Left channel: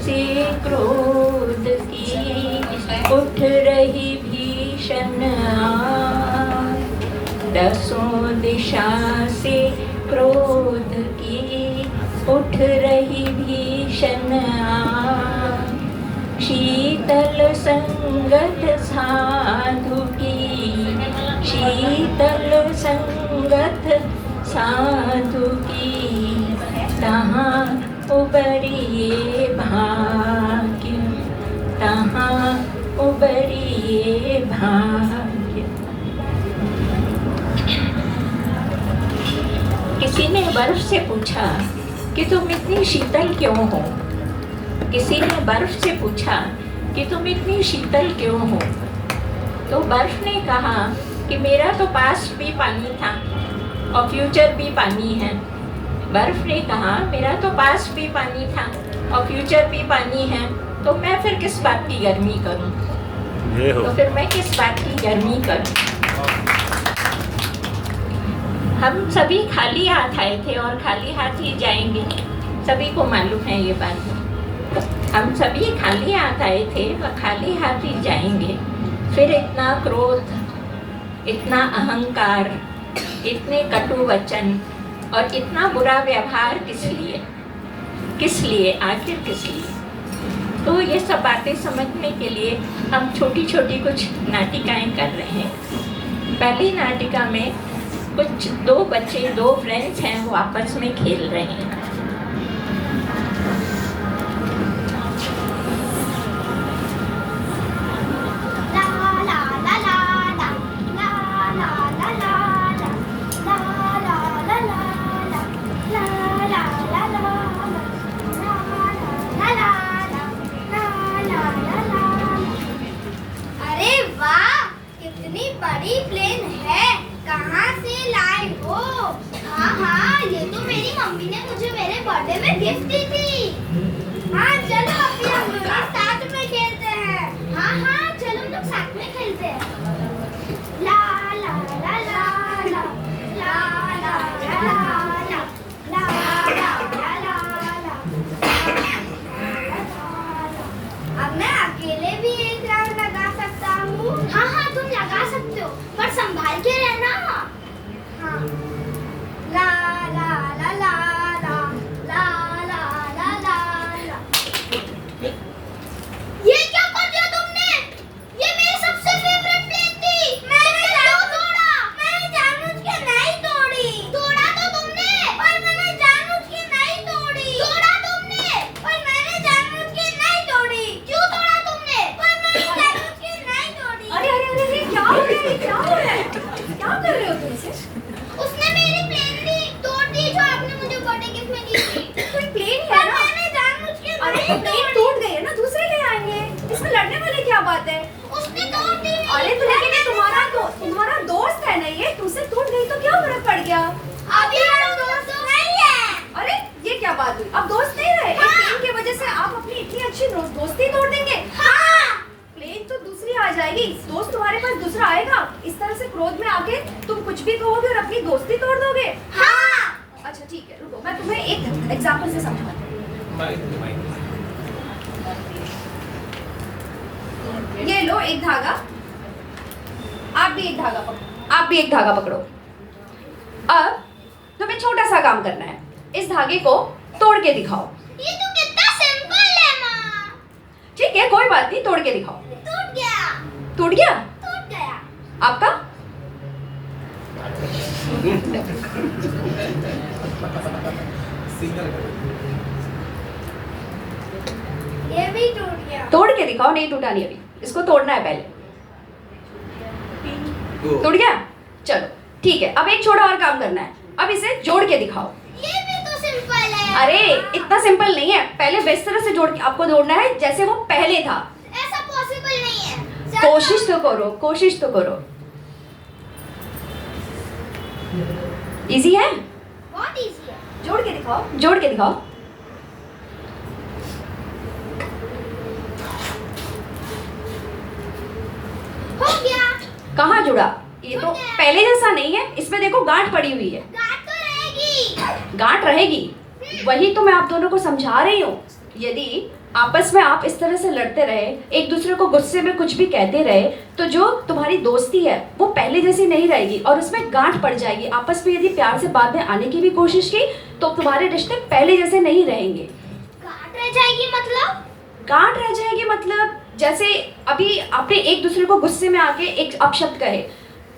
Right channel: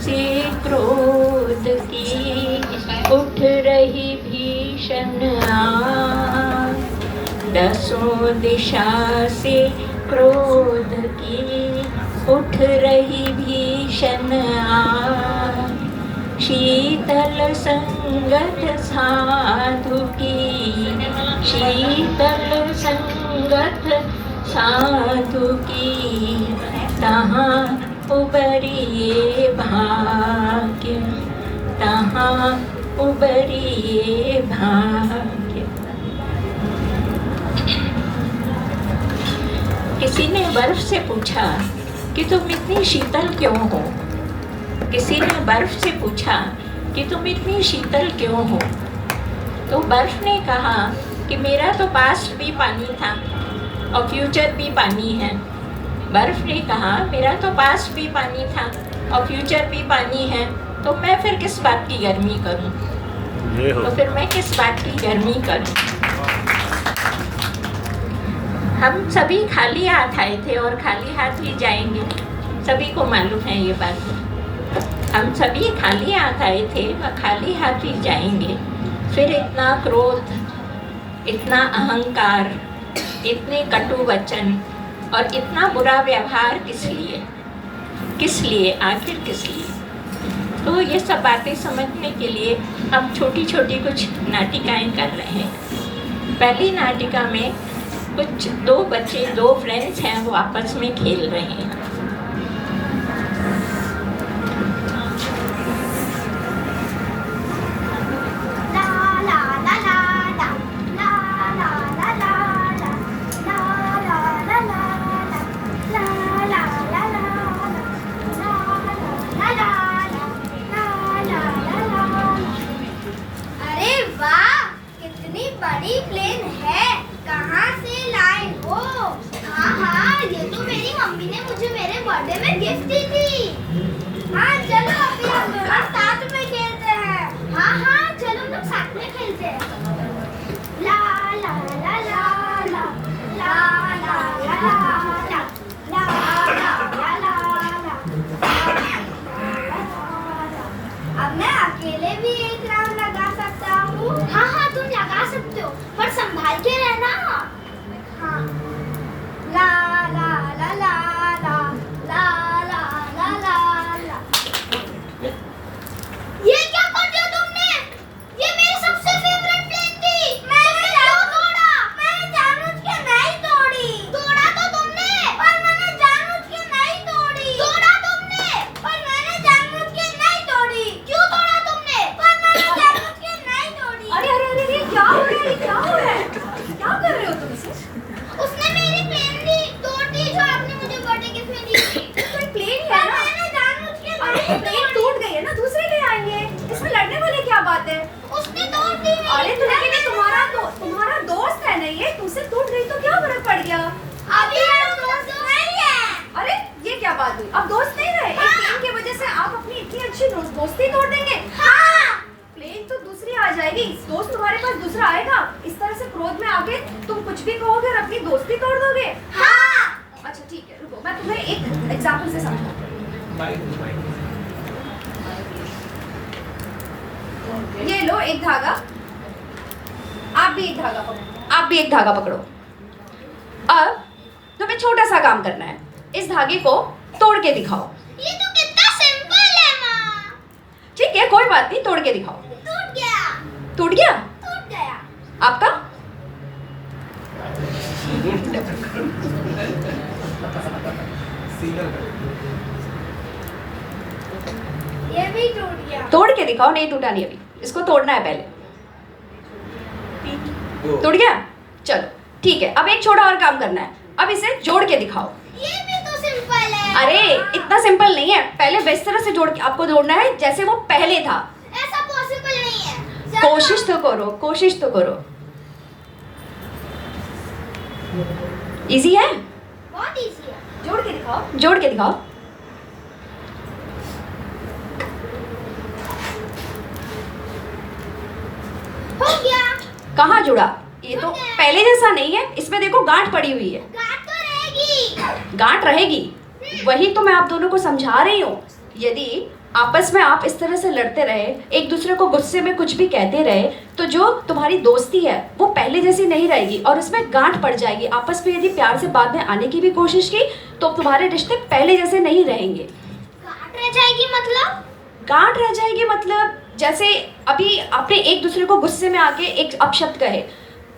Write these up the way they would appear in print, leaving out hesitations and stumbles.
से क्रोध की उठ रही भीषण आग, दसों दिशा से क्रोध की उठ रही भीषण आग, शीतल संगत साधु की, शीतल संगत साधु की, तहाँ उबरिए भाग्य, तहाँ उबरिए भाग्य। किसी ने बर्फ से पूछा कि तुम इतनी शीतल क्यों हो? किसी ने बर्फ से पूछा कि तुम इतनी शीतल क्यों हो? तो बर्फ ने कहा कि मेरा तो पास्ट भी पानी था और फ्यूचर भी पानी है। बर्फ ने कहा मेरा तो पास्ट भी पानी था और फ्यूचर भी पानी है, तो मैं फिर किस बात की गर्मी करूं? तो फिर मैं किस बात की गर्मी करूं? हम सभी खाली हाथ आए थे और खाली हाथ ही जाएंगे, सभी को मालूम है ये बात। हम सभी खाली हाथ आए थे और खाली हाथ ही जाएंगे। फिर इतना क्रोध, इतना अहंकार, इतने कटु वचन और इतना बुरा व्यवहार किस लिए? किस लिए? आखिर किस लिए? तो ये सब बातें समझने के लिए हम छोटी छोटी कुछ नाटिकाएं कर रहे हैं। पहली नाटिका में कुछ दो बच्चे, दो फ्रेंड्स हैं, वो आपस में खेल रहे हैं। बड़ी प्लेन है, कहाँ से लाए हो? हाँ, ये तो मेरी मम्मी ने मुझे मेरे बर्थडे में गिफ्ट दी थी। हाँ चलो अभी हम दोनों साथ में खेलते हैं। हाँ चलो हम लोग साथ में खेलते हैं। ला ला ला ला ला ला ला ला ला ला ला ला। अब मैं अकेले भी एक राउंड लगा सकता हूँ। हाँ तुम लगा सकते हो, पर संभाल के रहना। हाँ ला ला ला ला ला ला ला ला ला ला। ये क्या कर दिया तुमने? ये मेरी सबसे फेवरेट प्लेन थी। मैंने जानबूझ के नहीं तोड़ी। तोड़ा तो तुमने, पर मैंने जानबूझ के नहीं तोड़ी। तोड़ा तुमने, पर मैंने जानबूझ के नहीं तोड़ी। क्यों तोड़ा तुमने? पर मैंने जानबूझ के नहीं तोड़ी। अरे क्या हो रहा है? क्या हो रहा है? क्या कर रहे हो तुम इसे? उसने मेरी प्लेन भी तोड़ दी जो आपने मुझे बर्थडे गिफ्ट में दी थी। तो प्लेन है ना? मैंने जानबूझ के अरे प्लेन टूट गई है ना, दूसरे ले आएंगे। इसमें लड़ने वाली क्या बात है? उसने तोड़ दी। अरे तो लेकिन ये तुम्हारा दोस्त है ना, ये तुमसे टूट गई तो क्या फर्क पड़ गया? अभी हम दोस्त नहीं है। अरे ये क्या बात हुई? अब दोस्त नहीं रहे? एक प्लेन की वजह से आप अपनी इतनी अच्छी दोस्ती तोड़ देंगे? प्लेन तो दूसरी आ जाएगी, दोस्त तुम्हारे पास दूसरा आएगा। इस तरह से क्रोध में आके तुम कुछ भी कहोगे और अपनी दोस्ती तोड़ दोगे? अच्छा ठीक है, रुको मैं तुम्हें एक एग्जांपल से समझाती हूँ। ये लो एक धागा, आप भी एक धागा पकड़ो, आप भी एक धागा पकड़ो। अब तुम्हें छोटा सा काम करना है, इस धागे को तोड़ के दिखाओ। ये तो कितना सिंपल है माँ। ठीक है कोई बात नहीं, तोड़ के दिखाओ। टूट गया। टूट गया? टूट गया। आपका? ये भी टूट गया। तोड़ के दिखाओ। नहीं टूटा नहीं, अभी इसको तोड़ना है पहले। टूट गया? चलो ठीक है, अब एक छोटा और काम करना है, अब इसे जोड़ के दिखाओ। ये भी तो सिंपल है। अरे इतना सिंपल नहीं है, पहले इस तरह से जोड़ के आपको जोड़ना है जैसे वो पहले था। ऐसा पॉसिबल नहीं है। कोशिश तो करो, कोशिश तो करो। इजी है? बहुत इजी है। जोड़ के दिखाओ, जोड़ के दिखाओ। हो गया। कहाँ जुड़ा? ये तो पहले जैसा नहीं है, इसमें देखो गांठ पड़ी हुई है। गांठ तो रहेगी। गांठ रहेगी, वही तो मैं आप दोनों को समझा रही हूँ। यदि आपस में आप इस तरह से लड़ते रहे, एक दूसरे को गुस्से में कुछ भी कहते रहे, तो जो तुम्हारी दोस्ती है वो पहले जैसी नहीं रहेगी और उसमें गांठ पड़ जाएगी। आपस में यदि प्यार से बाद में आने की भी कोशिश की तो तुम्हारे रिश्ते पहले जैसे नहीं रहेंगे। गांठ रह जाएगी मतलब? गांठ रह जाएगी मतलब जैसे अभी आपने एक दूसरे को गुस्से में आके एक अपशब्द कहे,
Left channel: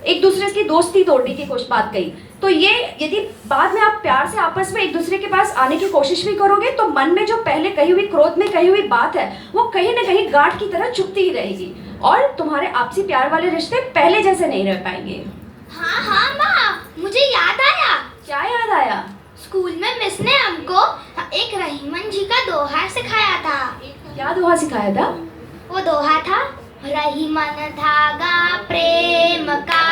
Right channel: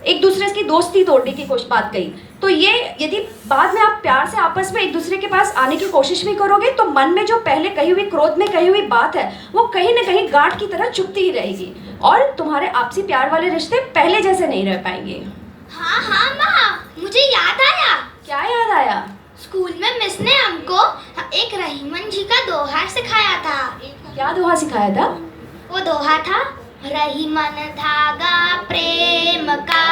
एक दूसरे की दोस्ती तोड़ने की कोशिश बात कही, तो ये यदि बाद में आप प्यार से आपस में एक दूसरे के पास आने की कोशिश भी करोगे तो मन में जो पहले कही हुई, क्रोध में कही हुई बात है वो कहीं ना कहीं गांठ की तरह चुभती ही रहेगी और तुम्हारे आपसी प्यार वाले रिश्ते पहले जैसे नहीं रह पाएंगे। हाँ हाँ माँ, मुझे याद आया। क्या याद आया? स्कूल में मिस ने हमको एक रहीमन जी का दोहा सिखाया था। क्या दोहा सिखाया था? वो दोहा था, रहीमन धागा प्रेम का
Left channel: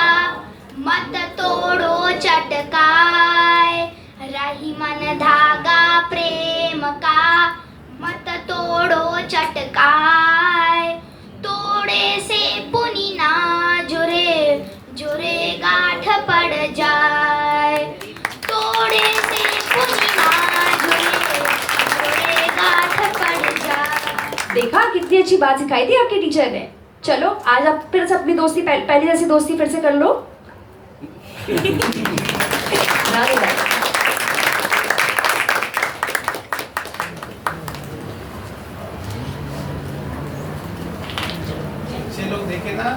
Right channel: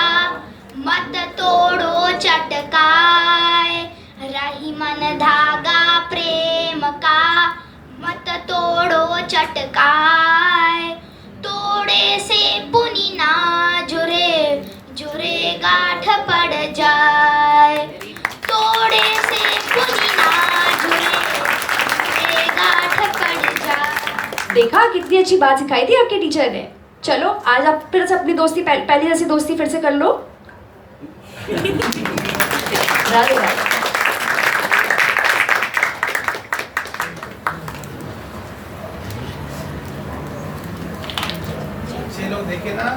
मत तोड़ो चटकाए, रहीमन धागा प्रेम का मत तोड़ो चटकाए, तोड़े से पुनी ना जुरे, जुरे गांठ पड़ जाए, तोड़े से पुनी ना जुरे, जुरे गांठ पड़ जाए। देखा कितनी अच्छी बात सिखाई थी आपके टीचर ने। चलो आज आप फिर से अपनी दोस्ती पहले जैसी दोस्ती फिर से कर लो। राधे राधे। अच्छे लोग देखे ना।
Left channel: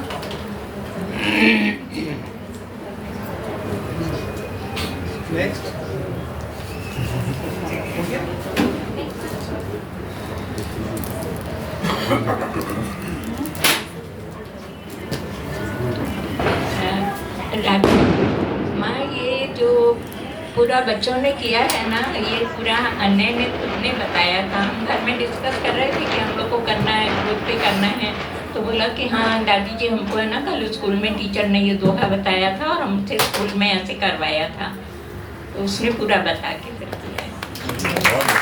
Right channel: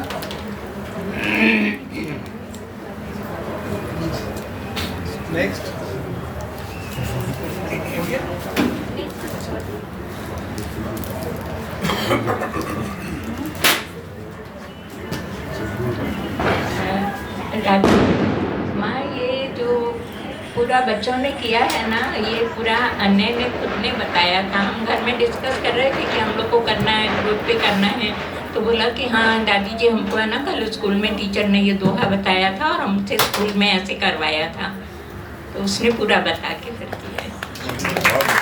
नेक्स्ट हो गया। माँ, ये जो पूरा बच्चों ने किया है ना, ये पूरा अन्य ने खुद ने बताया था। हम घर में डिस्कस कर रहे थे कि हम लोग को करना है, ग्रुप पे करना है, तो बोला कि हाँ दादी जी हमको है ना कल स्कूल में टीचर ने ये दोहा बताया था और हमसे स्कूल में ऐसे करवाया था, तो उसने पूरा बता के फिर किया है।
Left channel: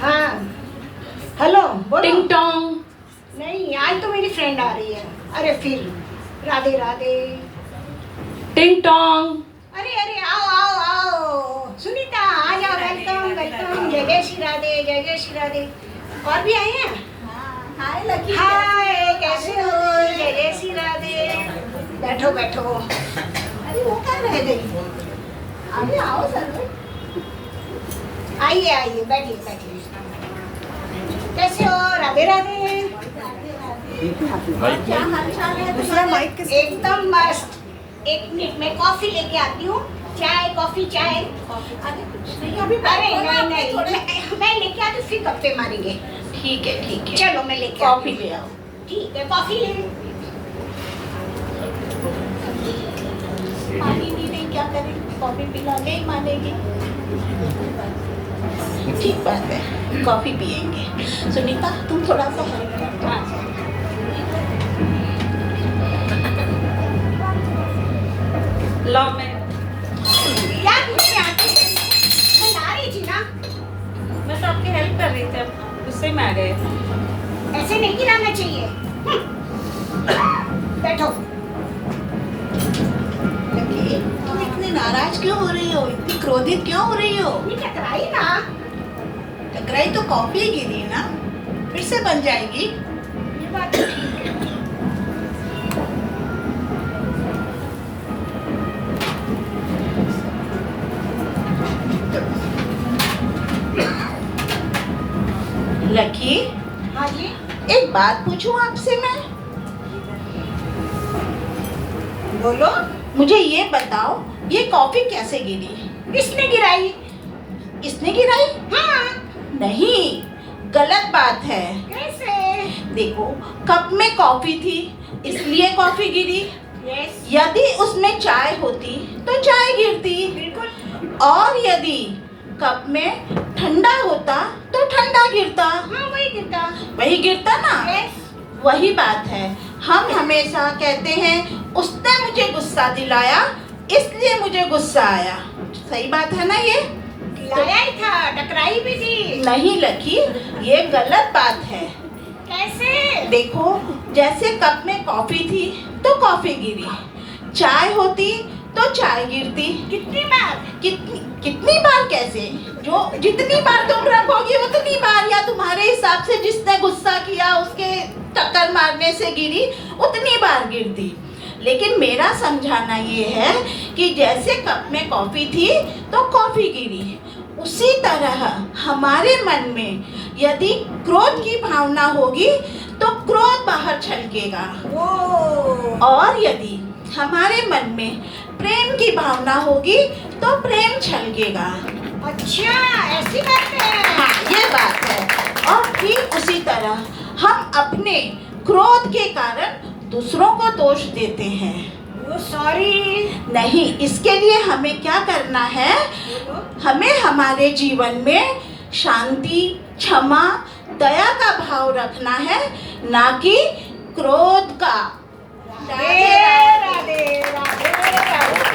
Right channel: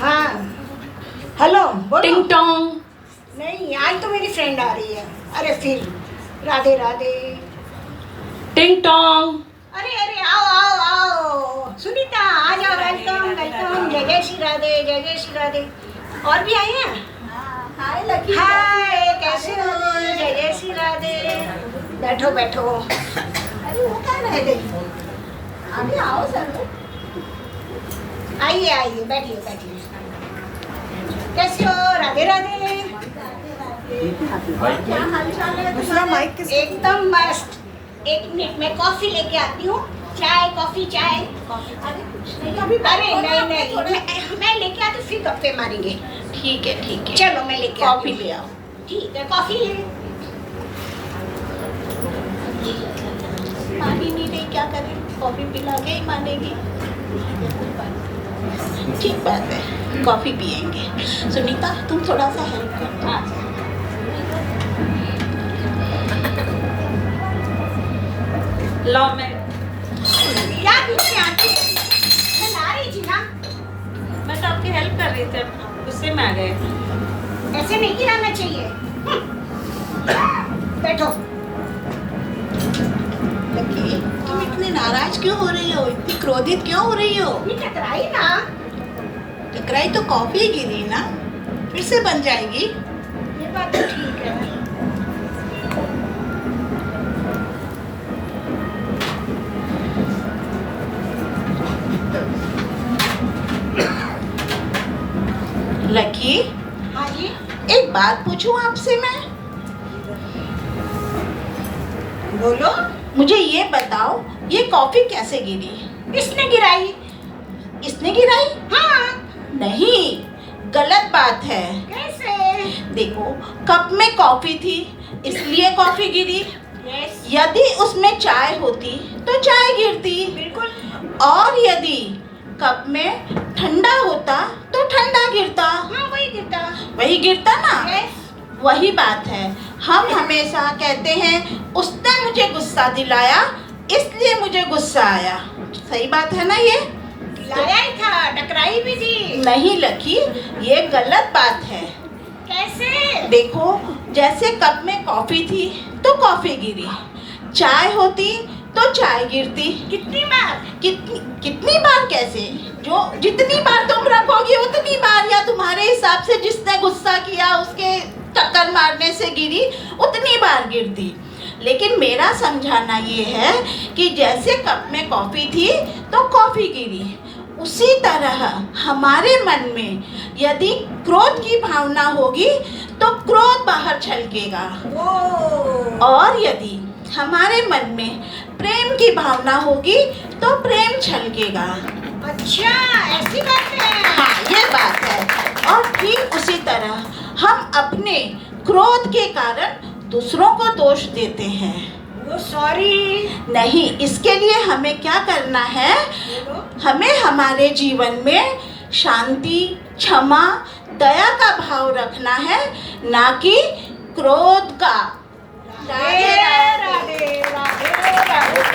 हाँ हेलो बोलो। टिंग टोंग। नहीं आज तो मेरी फ्रेंड आ रही है। अरे फिर राधे राधे। टिंग टोंग। अरे अरे आओ आओ आओ सुनीता आ जाओ। Welcome welcome. जय जय श्री राधे, जय जय श्री राधे। और भी आए हैं? हाय लकी। हाय कैसे हो? जय जय श्री राधे। बैठो बैठो। अरे वो कहाँ रह गई? अभी आओ सर। आइए आइए बैठिए बैठिए। कैसे हो? राधे राधे। क्या हालचाल है? दूसरा माइक एकदम मस्त। एक मिनट में कॉफी लेके आती हूँ। चाय कॉफी चाय। अरे कुछ नहीं, अभी अरे बैठो ना, नहीं नहीं थोड़ा- मैं लेके आती हूँ, फिर गप्पे मारेंगे। ठीक है चलो मैं लेके आती कॉफी हूँ। ले आओ। ठीक है कॉफी ले। पानी नहीं क्या करें, कॉफी पिला के ही मानेगी। ठीक बात है कॉफी पियेंगे। सुनीता तुम थोड़ा सा हेल्प करना। लो मैं क्या पीछे आती है? मैं ला रही थी ना। तो आपकी हेल्प कर रही थी, अब गुस्से में आ गए। ऐसे नहीं गिराना चाहिए। बैठो। लकी, तुम इतनी नाराज क्यों हो रही हो? इतनी क्रोधित क्यों हो रही हो? ये टकराई ना। टकराई तो कॉफी गिरी ना, फिर से बन जाएगी। ये बात तो ठीक है। लकी, हाँ जी एक बात पूछूं आपसे मैं? बोलो। मुझे ये बताओ, ये कॉफी कैसे गिरी? किसने गिराई? इसने गिराई? हाँ। नहीं, गलत बात है। कैसे? देखो, कप में कॉफी थी इसलिए कॉफी गिरी। यस यदि उसमें चाय होती तो चाय गिरती। बिल्कुल। और यदि कप में ठंडा होता तो ठंडा गिरता। हाँ वही गिरता। वही गिरता ना। यस वही बात है, हम हमेशा कहते हैं उसने मुझे गुस्सा दिलाया इसलिए मुझे गुस्सा आया। सही बात है ना ये? दिलाया ही था, टकराई भी थी। नहीं लकी, ये गलत बात है। कैसे? देखो, जैसे कप में कॉफी थी तो कॉफी गिरी, चाय होती तो चाय गिरती। कितनी बार? कितनी बार कैसे? जो जितनी बार तुम रखोगी उतनी बार, या तुम्हारे हिसाब से जिसने गुस्सा किया उसके टक्कर मारने से गिरी उतनी बार गिरती। लेकिन मेरा समझाना ये है कि जैसे कप में कॉफी थी तो कॉफी गिरी, उसी तरह हमारे मन में यदि क्रोध की भावना होगी तो क्रोध बाहर छलकेगा, और यदि हमारे मन में प्रेम की भावना होगी तो प्रेम छलकेगा। अच्छा, ऐसी बात है। हाँ, ये बात है। और ठीक उसी तरह हम अपने क्रोध के कारण दूसरों को दोष देते हैं। वो सॉरी नहीं, इसके लिए हमें क्या करना है? हमें हमारे जीवन में शांति, क्षमा, दया का भाव रखना है, ना कि क्रोध का। राधे राधे राधे राधे।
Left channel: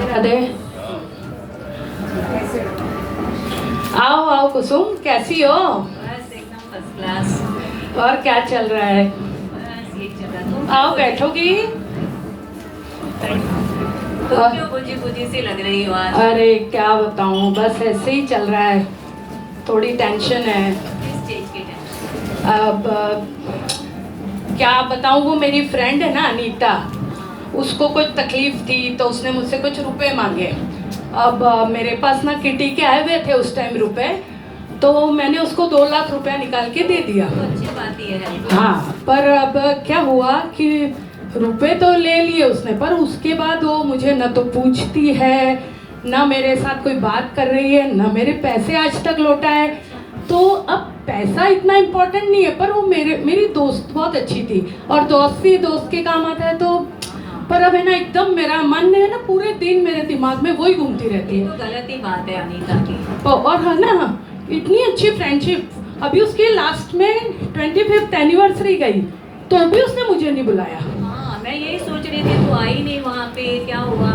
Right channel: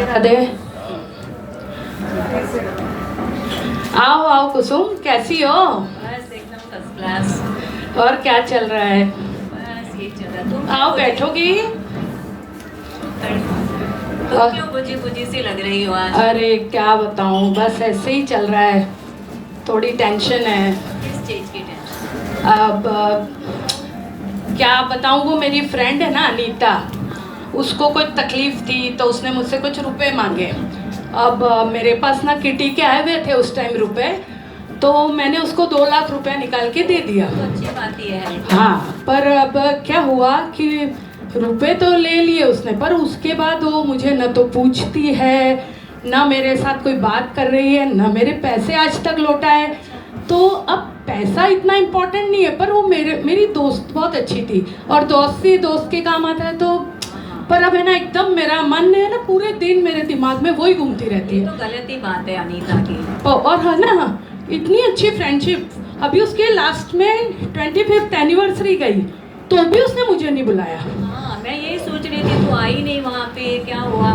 राधे, आओ आओ कुसुम, कैसी हो? बस एकदम फर्स्ट क्लास। और क्या चल रहा है? बस ये चल रहा। तुम आओ बैठोगी। तुम क्यों बुझी बुझी सी लग रही हो आज? अरे क्या बताऊं, बस ऐसे ही चल रहा है, थोड़ी टेंशन है। किस चीज की टेंशन? अब क्या बताऊं, वो मेरी फ्रेंड है ना अनीता, उसको कोई तकलीफ थी तो उसने मुझसे कुछ रुपए मांगे। अब मेरे पास ना किटी के आए हुए थे उस टाइम रुपए, तो मैंने उसको 2 लाख रुपया निकाल के दे दिया। अच्छी बात ये है। हाँ, पर अब क्या हुआ कि रुपए तो ले लिए उसने, पर उसके बाद वो मुझे न तो पूछती है, ना मेरे साथ कोई बात कर रही है, ना मेरे पैसे आज तक लौटाए। तो अब पैसा इतना इम्पोर्टेंट नहीं है, पर वो मेरी दोस्त बहुत अच्छी थी, और दोस्त ही दोस्त के काम आता है। तो पर अब है ना, एकदम मेरा मन है ना, पूरे दिन मेरे दिमाग में वही घूमती रहती है। तो गलत ही बात है अनीता की। और है ना, इतनी अच्छी फ्रेंडशिप, अभी उसके लास्ट में 25th एनिवर्सरी गई तो भी उसने मुझे नहीं बुलाया। हाँ, मैं यही सोच रही थी, तू आई नहीं वहाँ पे, क्या हुआ?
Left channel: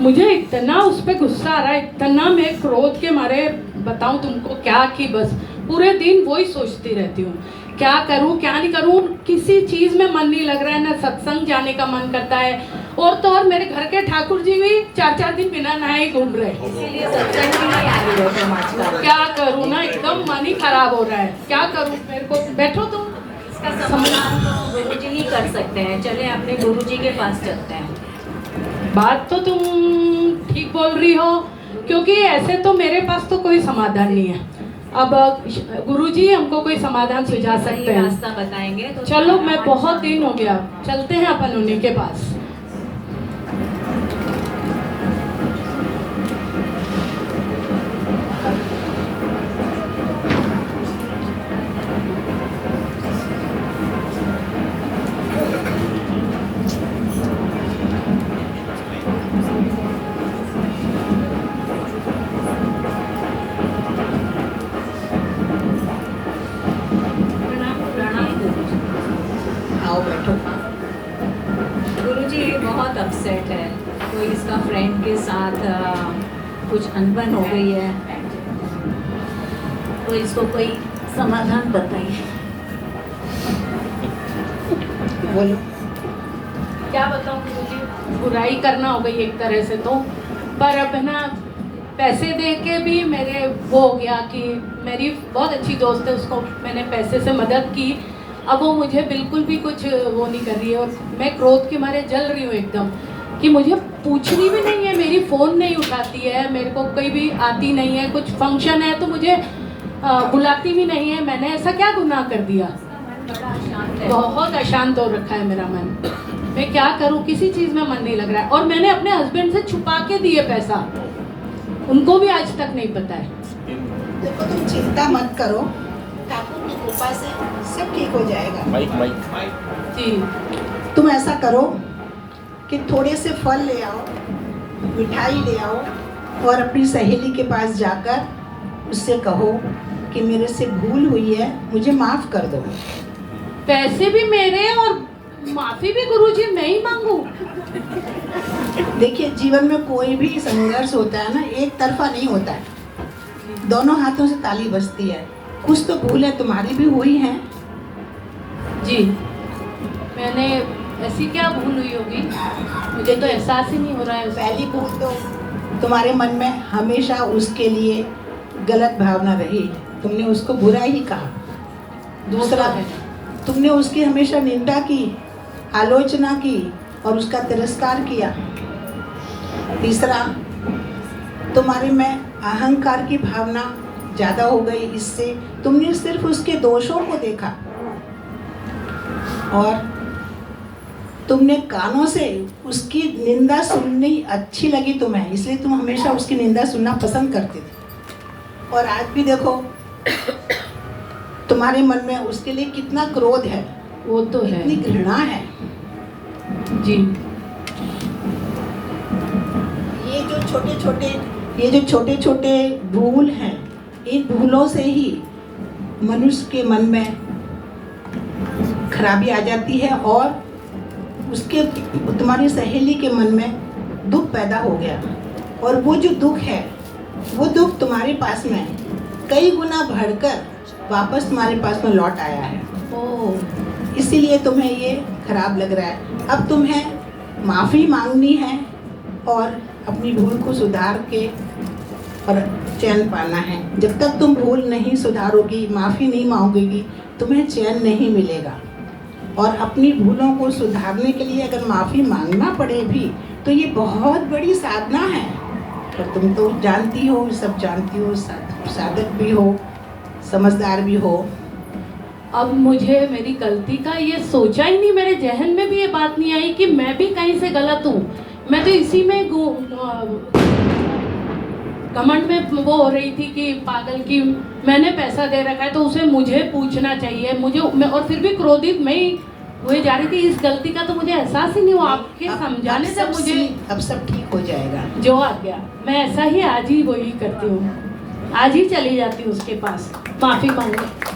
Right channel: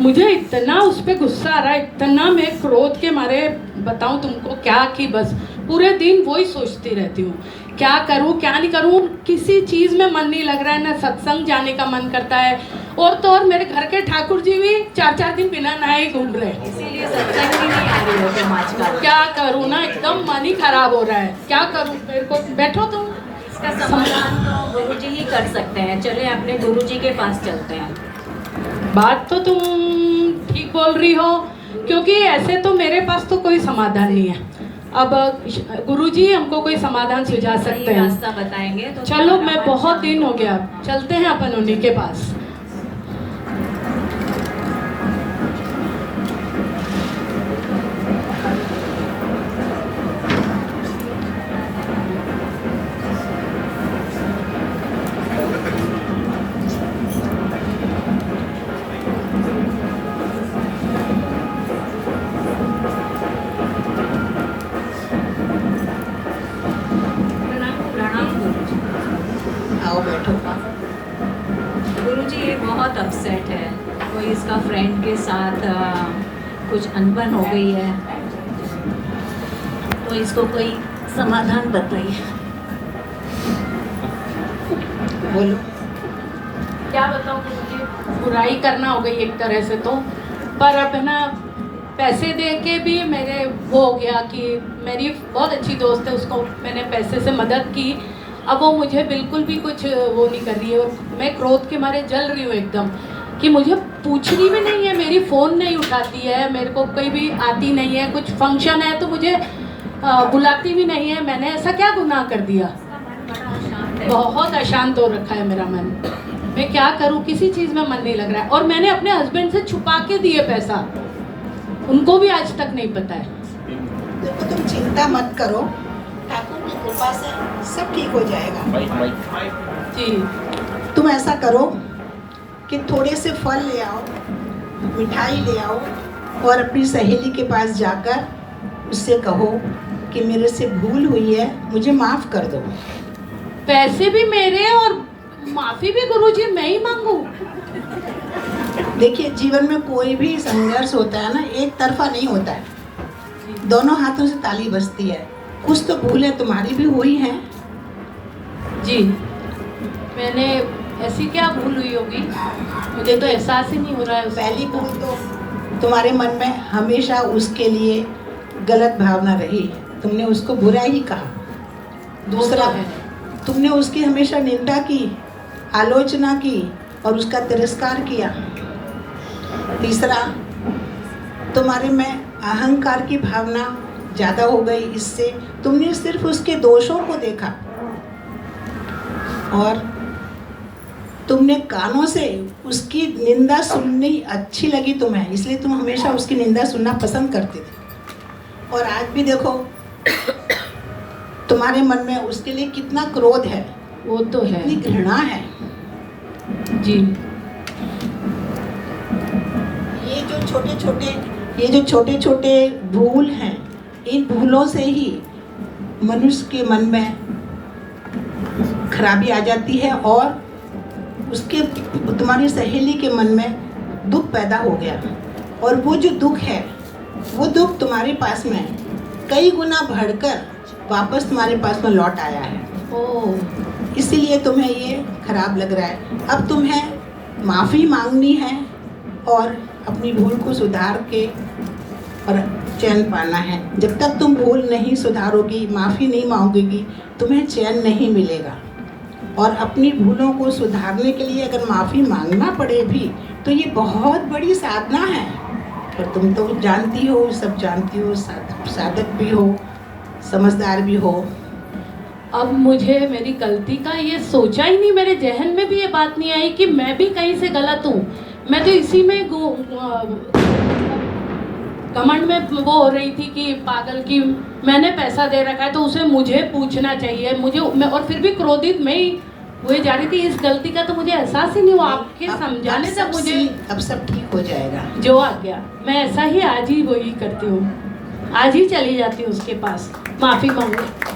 मुझे इतना उस पर गुस्सा आ रहा है, इतना मैं क्रोध के मारे बताऊं तुमको क्या, कि बस पूरे दिन वही सोचती रहती हूँ, क्या करूँ क्या नहीं करूँ। किसी चीज में मन नहीं लग रहा है, ना सत्संग जाने का मन करता है, और तो और मेरे घर के ठाकुर जी भी 4-4 दिन बिना नहाए घूम रहे हैं। इसीलिए सत्संग भी नहीं आ रही हो तुम आजकल। क्या करूँ ना, एकदम मन ही खराब हो रहा है, क्या करूँ। मेरे को बैठो तुम। इसका समाधान तो गुरुजी ही कर सकते हैं। चले अपने गुरुजी के पास चलते हैं। बात तो तुम ठीक बोल रही हो, क्योंकि ऐसे तो मेरे पास तो कोई समाधान नहीं है। अब गुरुजी हमको कोई समाधान सुझा सकते हैं, रास्ता बताएंगे तो। चलो, मैं बहुत दिन हो गया, चलते हैं अपन उन्हीं के पास। प्रणाम गुरुजी। आओ बैठो। गुरुजी बहुत अपसेट है, कोई इसका फ्रेंड के साथ कुछ अनबन हो गई है, तो इसको कोई समाधान बताइए। बोलो। क्या बताऊँ गुरुजी, बुराई करना हो गई एक तरह से तो, पर अब है ना पैसे दे के भी मेरे वो हो गया कि मेरी बहुत अच्छी दोस्त है, उसको मैंने पैसे से मदद की, अब वो मुझे बिल्कुल भी कुछ वो नहीं कर रही है। मैं क्रोध के मारे जल रही हूँ एकदम कि मुझे पूछनी भी नहीं है, मेरी फ़ोन नहीं उठाती है, मेरे को कोई भी आती नहीं है, कुछ फंक्शन है तो मुझे बुलाती भी नहीं है। मैंने ऐसा क्या गुनाह कर दिया? बड़ा अशांत है। बहुत अशांत हो रखा है मेरा मन। मैं क्या करूं, किसी चीज में मन नहीं लग रहा है। और मैंने अपने हस्बैंड से छुपा के दिए पैसा, उनको भी आज तक नहीं पता है। देखो तुम चिंता मत करो, ठाकुर की कृपा से सब ठीक हो जाएगा। जी तुम ऐसा करो कि थोड़े से फल ले आओ, मिठाई ले आओ और अपनी सहेली के पास जाकर उससे कहो कि मेरे से भूल हुई है, मुझे माफ कर दो। पैसे भी मेरे और माफी भी गुरुजी मैं ही मांगू? देखिए जीवन में कोई भी संघर्ष होता है ना, एक तरफा नहीं होता है, दोनों हाथों से ताली बजती है। कुछ तो भूलें तुम्हारी भी हुई हैं। जी मैंने ऐसी क्या भूल हुई होगी, मुझे तो एहसास ही नहीं हो रहा है। पहली भूल तो तुम्हारे मन में हमेशा उसके लिए गलत भावना रही, तुमने उसको बुरा ही कहा। दूसरा है तुमने उसकी हमेशा निंदा की, आलोचना की और उसका तिरस्कार किया। तीसरा तुम्हारे में अहंकार की भावना ज़्यादा हो गई, इससे तुमने सिर्फ उसके दोषों को देखा और तुमने कानों से उसकी निंदा सुननी अच्छी लगी तुम्हें, इसलिए तुम हमेशा उसकी निंदा सुनना पसंद करते थे। और आज भी देखो तुम्हारे मन में उसके लिए कितना क्रोध है, वो तो है, कितनी घृणा है। जी ये जो छोटे छोटे भूल हैं, इन भूलों से ही मनुष्य के मन में खराबी आ जाती है और उसके तुम्हारी सहेली के मन में दुख पैदा हो गया। और वो जो दुख है, वो दुख तुम्हारे पास में कई गुना बढ़कर वापस तुम्हारे पास में लौट आया है। ओह इसीलिए तुम्हें ये खराब लग रहा है। अब तुम्हें माफ़ी मांगनी है और अपनी भूल को सुधार के और चैन पाना है। जब तक तुम भूल नहीं सुधारोगी, माफ़ी नहीं मांगोगी, तुम्हें चैन नहीं मिलेगा। और अपनी भूलों को सुधारने के लिए अगर माफ़ी मांगना पड़े भी तो ये बहुत बड़ी साधना है। और तुम तो जानती हो, सब जानती हो, साधक भी हो, समझदार भी हो। अब मुझे मेरी गलती का ये सोचा ही नहीं, मेरे जहन में भी ये बात नहीं आई कि मैं भी कहीं से गलत हूँ। मैं तो इसी में घमंड में वो हो रही थी कि पागल की मैंने पैसा दे रखा है तो उसे मुझे पूछना चाहिए, और फिर भी क्रोधित मैं ही हुए जा रही थी। इस गलती का तो मुझे एहसास ही नहीं हुआ, आपके समझाने से मुझे अब सब ठीक हो जाएगा। जो आ गया मैं ऐसा ही आज ही वही करती हूँ, आज ही चली जाती हूँ उसके पास माफ़ी मांगने।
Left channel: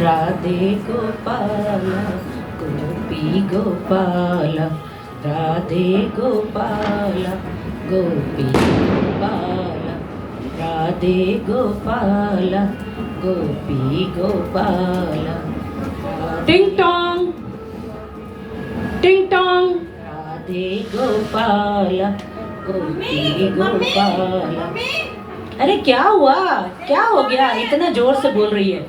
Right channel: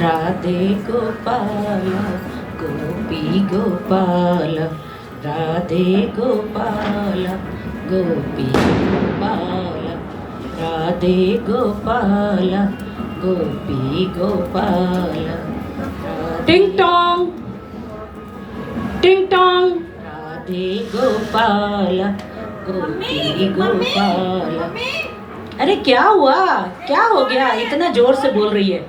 राधे गोपाल गोपी गोपाल, राधे गोपाल गोपी गोपाल, राधे गोपाल गोपी गोपाल। टिंग टोंग टिंग टोंग। राधे गोपाल गोपी गोपाल। अरे क्या हुआ, क्या हो गया, इतना जोर से बोल रही है?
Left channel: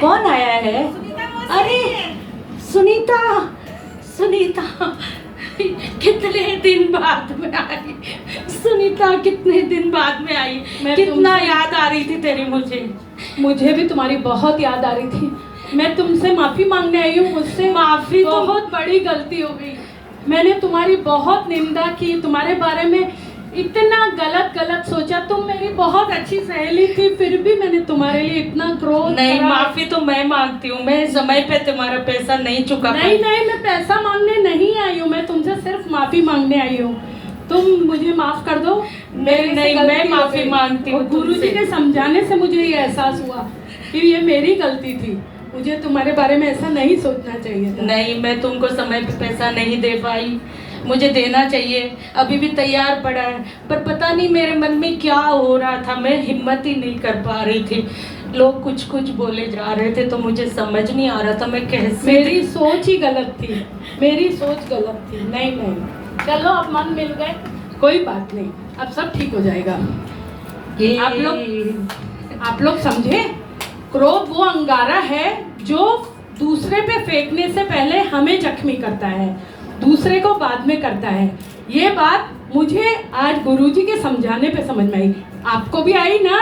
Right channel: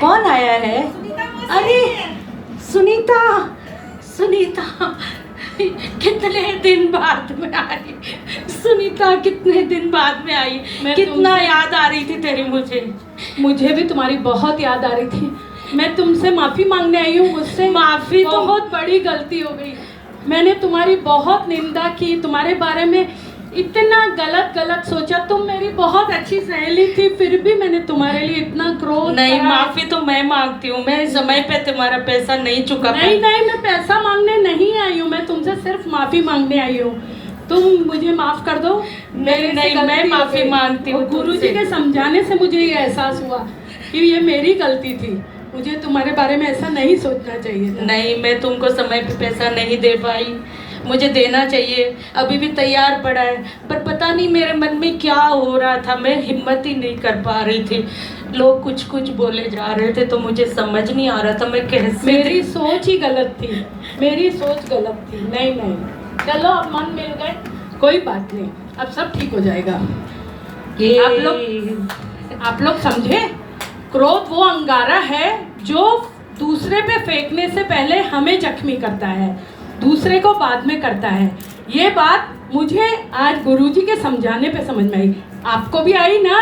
कौन आया है? अरे सुनीता, सुनीता कितने दिन बाद में आई, सुनीता कितने दिन बाद में आई। कितना याद आ रही थी तेरी मुझे भी तुम्हारी बहुत याद आ रही थी। मैं तुमसे माफ़ी मांगने आई हूँ, मुझसे माफ़ी बहुत बड़ी गलती हो गई। मैंने तुम्हारी बहुत निंदा की, तुम्हारे बारे में इतना गलत सोचा। तुम मेरी बहुत अच्छी सहेली थी, फिर भी मैंने तुम्हारे लिए इतना क्रोध नहीं, करा। माफी तो मैं मांगती हूँ, मैं समय पे तुम्हारा पैसा नहीं चुका नहीं, मैं पैसा मांगने नहीं आई हूँ, मैं तुमसे सिर्फ माफ़ी मांगने आई हूँ। तुम मुझे माफ़ कर दो। नहीं, मैं माफी मांगती हूँ। गुरुजी के समझाने से मुझे ये एहसास हुआ फिर ये मेरी गलती थी, मुझे तुम्हारे बारे में ऐसा नहीं सोचना चाहिए था। नहीं, मैं तुमको समय पे पैसा नहीं दे पाई, मुझे देना चाहिए, अभी भी तैयार पड़ा है, पर पता नहीं मेरे मन में क्या हो रहा था, मैं हिम्मत ही नहीं कर पा रही थी। लोग कुछ कुछ बोले जा रहे थे तो मुझे समझ नहीं आ रहा था मैं कैसे। मेरी सोच ही गलत थी, मेरी सोच गलत थी। नहीं नहीं, चलो अब मन मिल गए, कोई बात नहीं, अब सब ठीक हो जाएगा। आप लोग समझे, क्रोध वो अंगारा है जो दूसरे पे फेंकने से पहले हमें जख्मी करता है, दूसरे को बाद में करता है। ये बात मुझे आज गुरुजी के समझाने पे समझ में आई, आपको भी आई ना?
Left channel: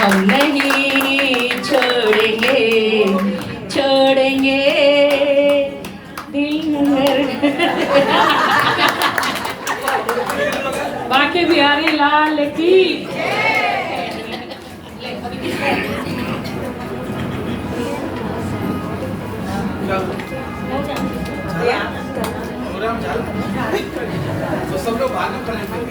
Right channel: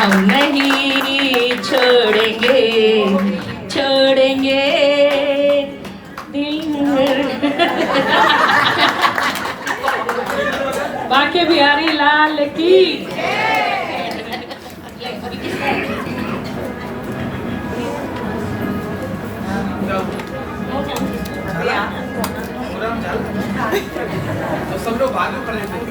हम नहीं छोड़ेंगे, छोड़ेंगे दिल बाके बिहारी लाल की। प्रोग्राम चल तो सब लोग बाद में करेंगे।